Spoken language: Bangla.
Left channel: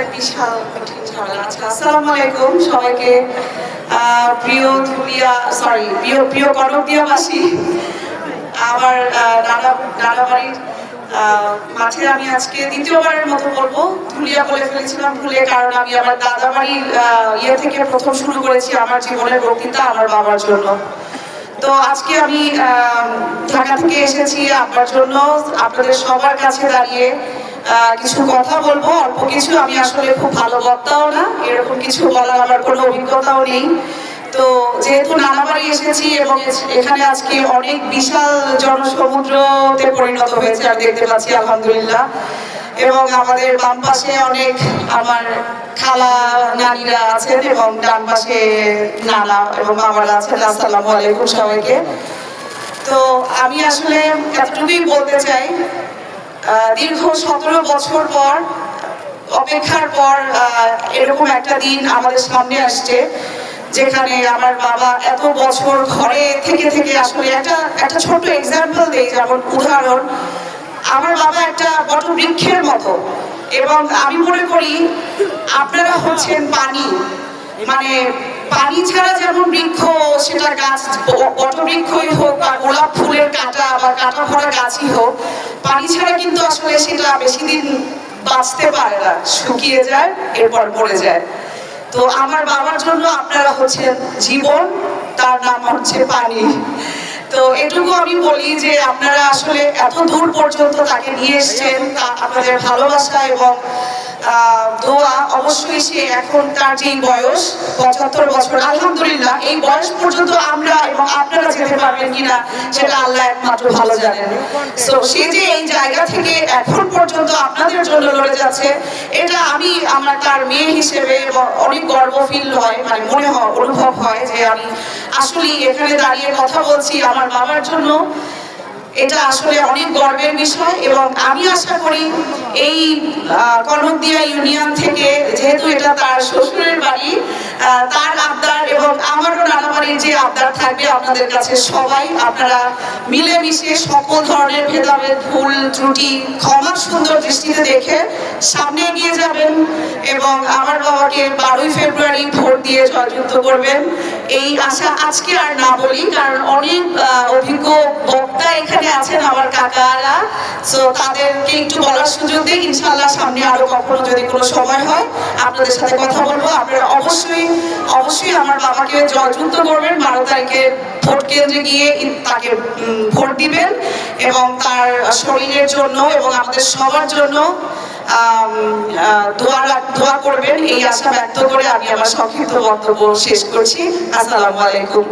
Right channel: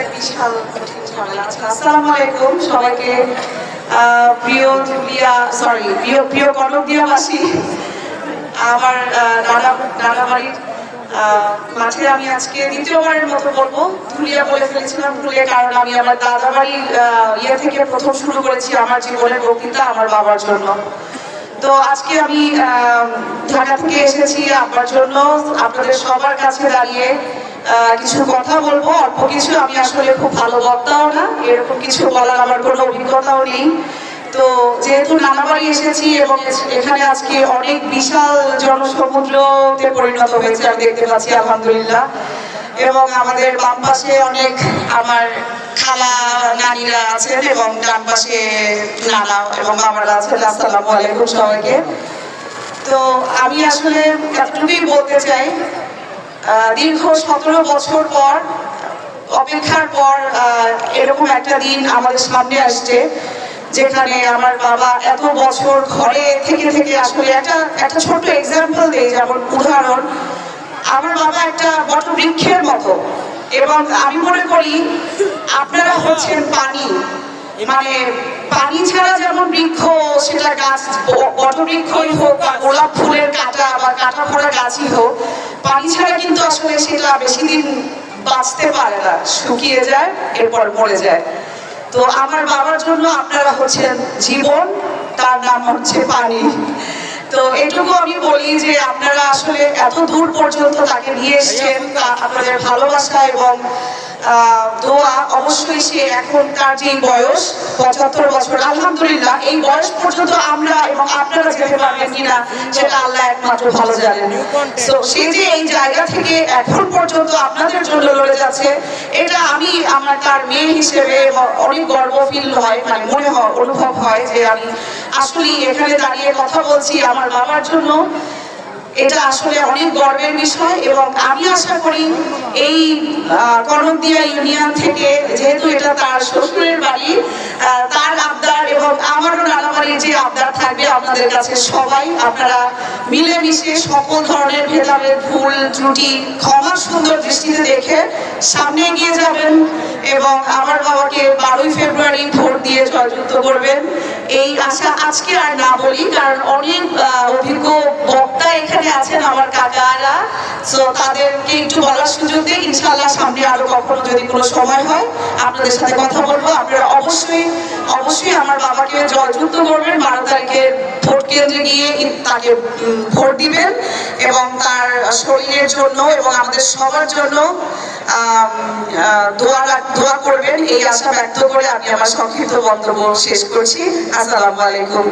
এক বিশাল কঠিন ঝামেলা। আচ্ছা, আসসালামু আলাইকুম সবাইকে। প্রিয় ধুলিয়া প্রিয় কনকদিয়াবাসী, আমার নানাবাড়ির মাঠে আমি আজকে দ্বিতীয়বারের মতো বলবো ধুলিয়া বলে ফেলেছিলাম ভুলে, কারণ আমি আমার দাদা বাড়ির থেকে প্রথম শুরু করেছি আমার জীবনের বক্তৃতা আমার বাবার জন্য। তো আজকে আমি ঢাকা থেকে এসেছি আপনার জন্য, আপনাদের সবার কাছে দাঁড়িয়ে কিছু কথা বলবো। অল্প কিছু, আমি আসলে খুব ভালো বক্তাও না, এরকম কিছু বলার আমার কোনো অভিজ্ঞতাও নেই। তো যেহেতু নানাবাড়ি এসেছি এবং এখানে আজকে অনেক বিশাল জনসমুদ্রতে পরিণত হয়েছে আমি দেখতে পাচ্ছি, আলহামদুলিল্লাহ। এবং আমাদের বাম পাশে অনেক আমার খালা নানিরা আছেন এবং ডান পাশে নানা এবং বাবারা আছেন। আসসালামু আলাইকুম সবাইকে। তো আমি আসলে এতটুকুই বলতে চাই, দীর্ঘ 17 বছর পর অপেক্ষার পর এরকম একটা দিন আমাদের সামনে আসছে, যেখানে আমার বাবা এত বছর ঘরে থেকে থেকে আসলে একটা ছোট্ট এক্সাম্পল দেই, যেমন উদাহরণ, আমার বাবা একটা বটবৃক্ষের মতো। এবং আমি মনে করি আপনারা হচ্ছেন পানি, মানে পানি ছাড়া যেমন বৃক্ষ, সেটা গাছ বটবৃক্ষই হোক বা গোলাপ ফুলের কাঁটা বা কাঁটা ভরা গাছই হোক, পানি ছাড়া কিন্তু আসলে সেটা বেশি দিন বাঁচতে পারে না, শুকিয়ে যায়, এরপর মরে যায়। তো আমার বাবার জন্য আপনারা হচ্ছেন জীবন, তার নাম হচ্ছে পানি। তো এটুকু আমি বলি যে আপনারা আসলে এত দূর পর্যন্ত তাকে নিয়ে এসছেন, আপনাদের ভালোবাসা এবং দোয়া। অবশ্যই সে এখন তার যে বয়স 75 বছর, আলহামদুলিল্লাহ, এই বয়স পর্যন্ত আমরা এবং আপনারা যেতে পারবেন কিনা সেটা আল্লাহ একমাত্র ভালো জানেন। তো সে যে এই জায়গা থেকে এখন পর্যন্ত আপনাদের জন্য লড়ে যাচ্ছে, এটা আমি আমার তার মেয়ে হিসেবে অনেক গর্ব ফিল হয়, মানে মনে হয়, অনুভব হয় যে আমি আসলে এখানে দাঁড়িয়ে কথা বলছি আমার বাবার জন্য। এটা আসলে অনেক গর্বের বিষয়। এবং আমি আশা করি এই কনকদিয়া ইউনিয়ন থেকে, যেহেতু এটা তার শ্বশুরের বাড়ি, তার আবদার এবং আমারও নানাবাড়ির যে আবদার থাকবে আপনাদের কাছে, সবাই আপনারা মিলেমিশে সকল ধরনের ভেদাভেদ, ভুল ত্রুটি ক্ষমা সুন্দর দৃষ্টিতে দেখে সামনে এগিয়ে যাবেন এবং আমার বাবাকে 12ই ফেব্রুয়ারি ভোট দিয়ে জয়যুক্ত করবেন, এই আশা আজকে আর না বলি, কারণ অনেক অভিজ্ঞ বক্তা এখানে আছেন আমার কাকারা। সো তাদেরকে একটু বলার সুযোগ দিয়ে ইনশাআল্লাহ সামনে আরো কখনো যদি কোনো সময় হয় আপনাদের সাথে কথা বলবো। আপনারা অবশ্যই আমার বাবাকে জয়যুক্ত করবেন, 12 তারিখে ভোট কেন্দ্রে গিয়ে তাকে ভোট দিবেন এবং তার শরীরের জন্য এবং আমাদের সবার জন্য দোয়া করবেন, এই আশা ব্যক্ত করে আমি আমার সংক্ষিপ্ত বক্তব্য শেষ করছি। আসসালামু আলাইকুম।